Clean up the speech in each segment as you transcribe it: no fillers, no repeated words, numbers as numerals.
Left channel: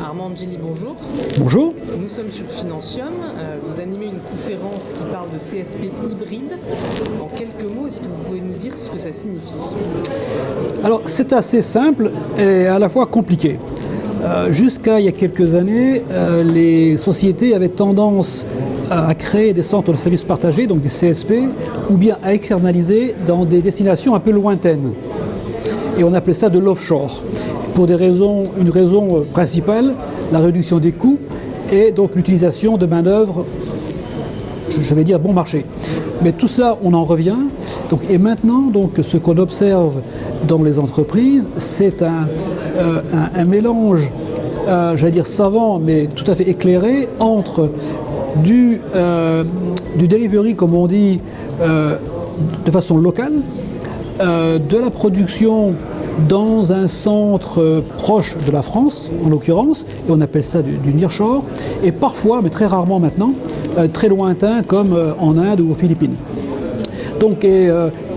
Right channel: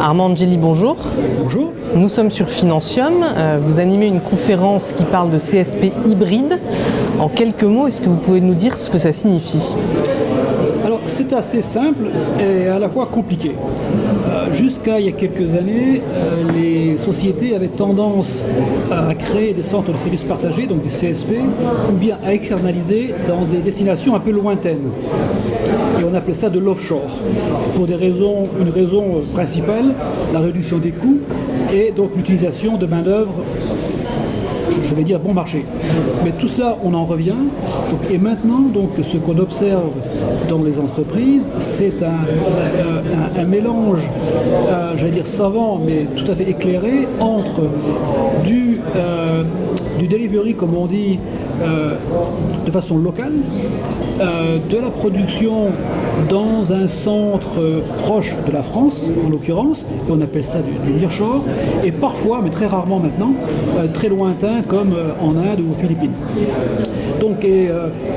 Armand Angeli, bonjour. Bonjour. Nous sommes sur Financium. Vous animez une conférence qui parle de CSP hybride. En quelques mots, est-ce que vous pouvez nous dire ce que ça signifie ? Alors, c'est assez simple et à la fois compliqué. Jusqu'à il y a quelques années, les sociétés avaient tendance à créer des centres de services partagés, donc des CSP, ou bien à externaliser dans des destinations un peu lointaines. Et on appelait ça de l'offshore. Pour une raison principale, la réduction des coûts et donc l'utilisation de main-d'œuvre, je vais dire bon marché. Mais tout cela, on en revient. Et maintenant, ce qu'on observe dans les entreprises, c'est un mélange, j'allais dire savant, mais tout à fait éclairé, entre du delivery, comme on dit, de façon locale, de la production dans un centre proche de la France, en l'occurrence, et on appelle ça du nearshore, et parfois, mais très rarement maintenant, très lointain, comme en Inde ou aux Philippines. Donc,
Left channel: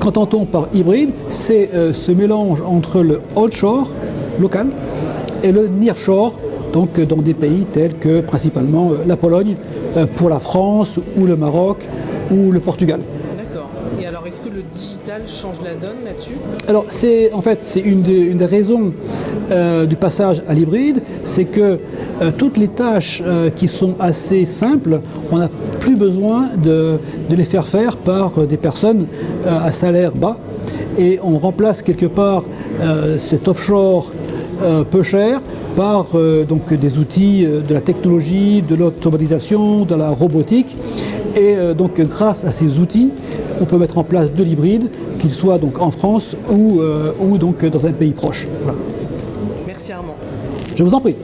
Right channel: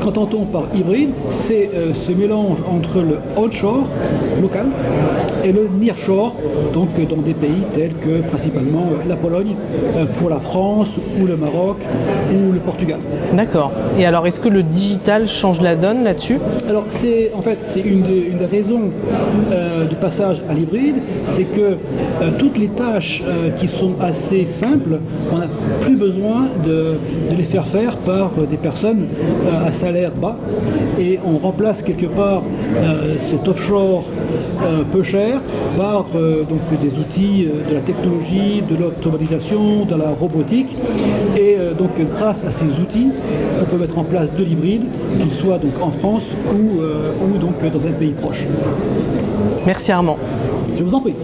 qu'entend-on par hybride ? C'est ce mélange entre le offshore, local, et le nearshore, donc dans des pays tels que principalement la Pologne, pour la France, ou le Maroc, ou le Portugal. D'accord. Et alors, est-ce que le digital change la donne là-dessus ? Alors, c'est une des raisons du passage à l'hybride, c'est que toutes les tâches qui sont assez simples, on n'a plus besoin de les faire par des personnes à salaire bas, et on remplace quelque part cet offshore peu cher par des outils de la technologie, de l'automatisation, de la robotique, et grâce à ces outils, on peut mettre en place de l'hybride, qu'il soit donc en France ou dans un pays proche. Merci Armand. Je vous en prie.